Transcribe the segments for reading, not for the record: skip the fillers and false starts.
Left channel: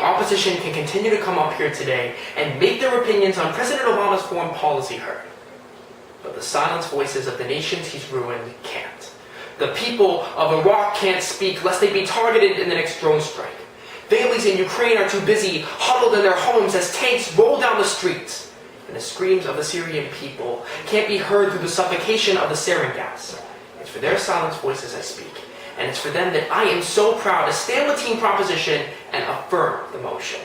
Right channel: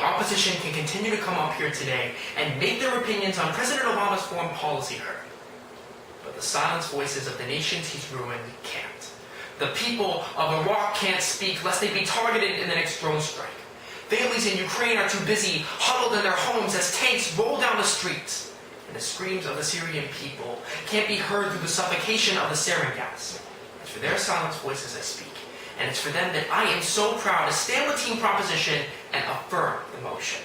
the opposition can continue to come up here today and make their opinions on President Obama's foreign policy heard. But the silenced voices of the nations he's ruined can't. The people of Iraq can't speak lest they be targeted in the next drone strike. Families in Ukraine are too busy, huddled in their homes as tanks roll down the streets. And the screams of the Syrian people can't be heard through the suffocation of the sarin gas. It's for their silenced voices I speak, and it's for them that I am so proud to stand with Team Proposition and affirm the motion.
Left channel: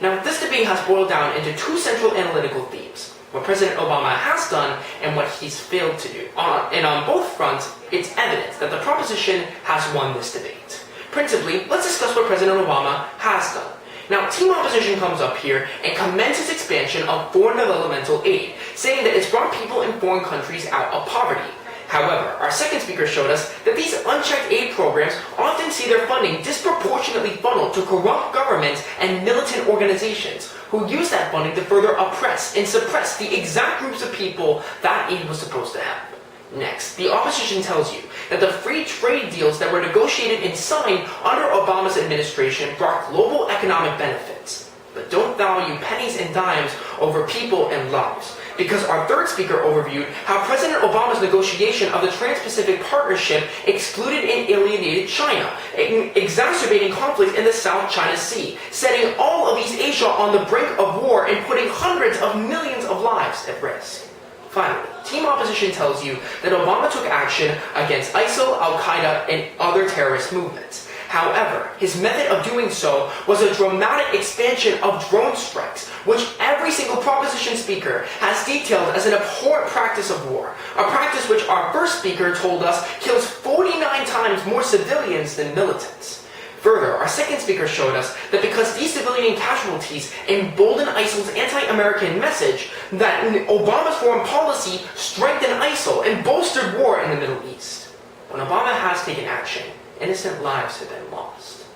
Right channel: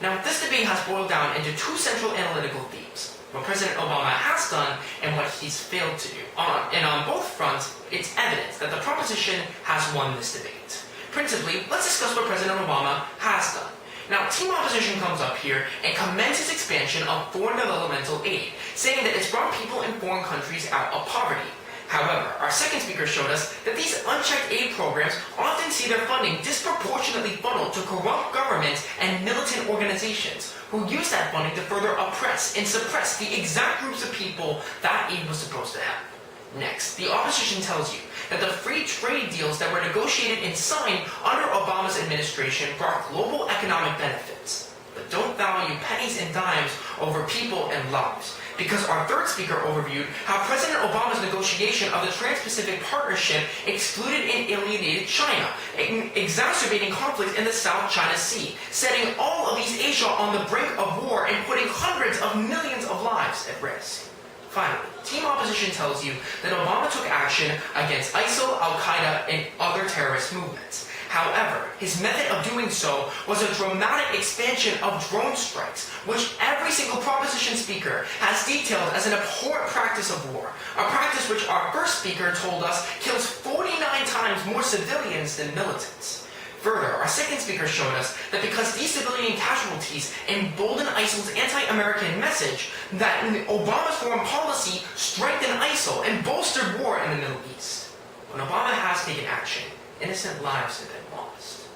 Now, this debate has boiled down into two central analytical themes: what President Obama has done and what he's failed to do. And on both fronts, it's evidence that the proposition has won this debate. Principally, let's discuss what President Obama has done. Now, Team Opposition comes up here and commends his expansion of foreign developmental aid, saying that it's brought people in foreign countries out of poverty. However, our second speaker showed us that these unchecked aid programs often see their funding disproportionately funneled to corrupt governments and militant organizations who use that funding to further oppress and suppress the exact groups of people that aid was supposed to help. Next, the opposition tells you that the free trade deals that were negotiated and signed under Obama's administration brought global economic benefits, but don't value pennies and dimes over people and lives. Because our third speaker overviewed how President Obama's negotiation of the Trans-Pacific Partnership excluded and alienated China, exacerbating conflict in the South China Sea, setting all of East Asia on the brink of war and putting hundreds of millions of lives at risk. Finally, Team Opposition tells you that Obama took action against ISIL, Al-Qaeda, and other terrorist movements. However, his method of doing so was a dramatic expansion of drone strikes, which every single proposition speaker has detailed as an abhorrent practice of war, a practice which our first speaker told us kills 49 times more civilians than militants. Further, our second speaker showed us that because these civilian casualties emboldened ISIL's anti-American message, that Obama's foreign policy strengthened ISIL and bolstered war in the Middle East. When Obama has taken action, innocent lives have been lost.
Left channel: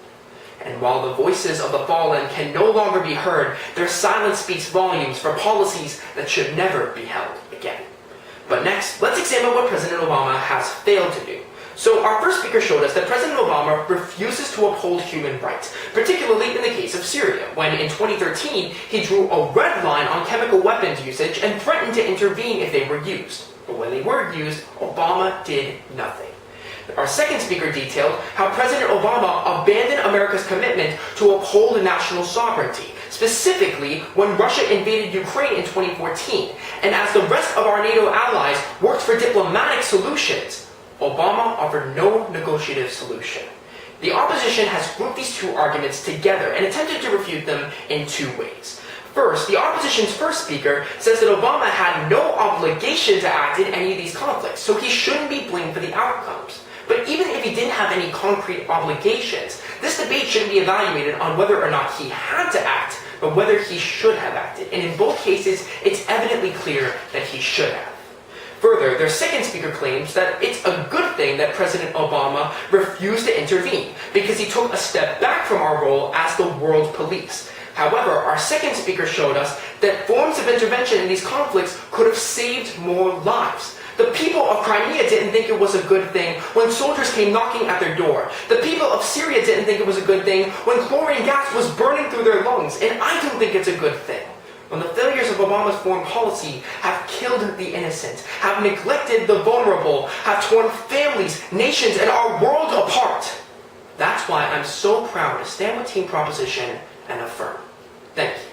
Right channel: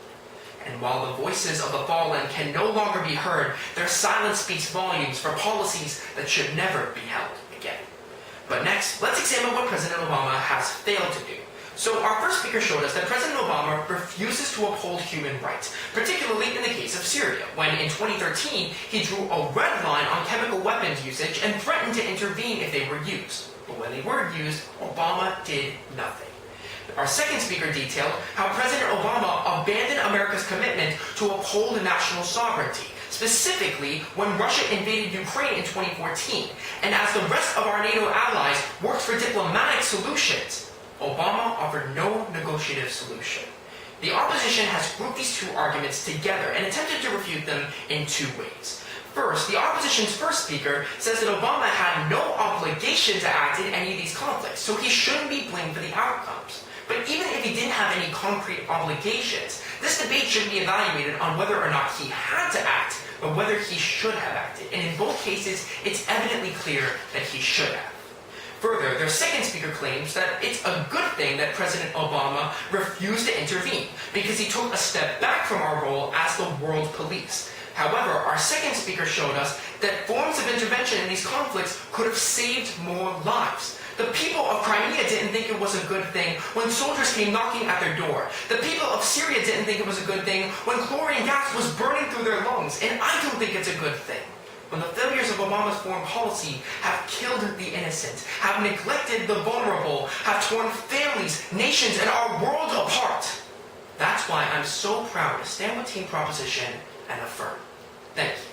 And while the voices of the fallen can no longer be heard, their silence speaks volumes for policies that should never be held again. But next, let's examine what President Obama has failed to do. So our first speaker showed us that President Obama refuses to uphold human rights, particularly in the case of Syria, when in 2013 he drew a red line on chemical weapons usage and threatened to intervene if they were used. But when they were used, Obama did nothing. Our second speaker detailed how President Obama abandoned America's commitment to uphold national sovereignty, specifically when Russia invaded Ukraine in 2014, and as the rest of our NATO allies worked for diplomatic solutions, Obama offered no negotiative solution. The opposition has grouped these two arguments together and attempted to refute them in two ways. First, the opposition's first speaker says that Obama had no obligation to act in any of these conflicts, so he shouldn't be blamed for the outcomes. But even if he didn't have any concrete obligations, this debate shouldn't be evaluated on whether or not he had to act, but whether he should have acted. And in both cases, it's evidently clear that he should have. Further, their second speaker claims that it's a good thing that President Obama refused to intervene because he took a step back from our role as the world police. However, our second speaker showed us that forms of intervention in these conflicts could have saved more lives. The people of Crimea didn't think it was a good thing when soldiers came knocking at their door. The people of Syria didn't think it was a good thing when chlorine gas was burning through their lungs, and I don't think it's a good thing when the failures of Obama's foreign policy have killed the innocent, have neglected the vulnerable, have torn families, nations, and our world apart. That's why I'm so proud to stand with Team Proposition and affirm. Thank you.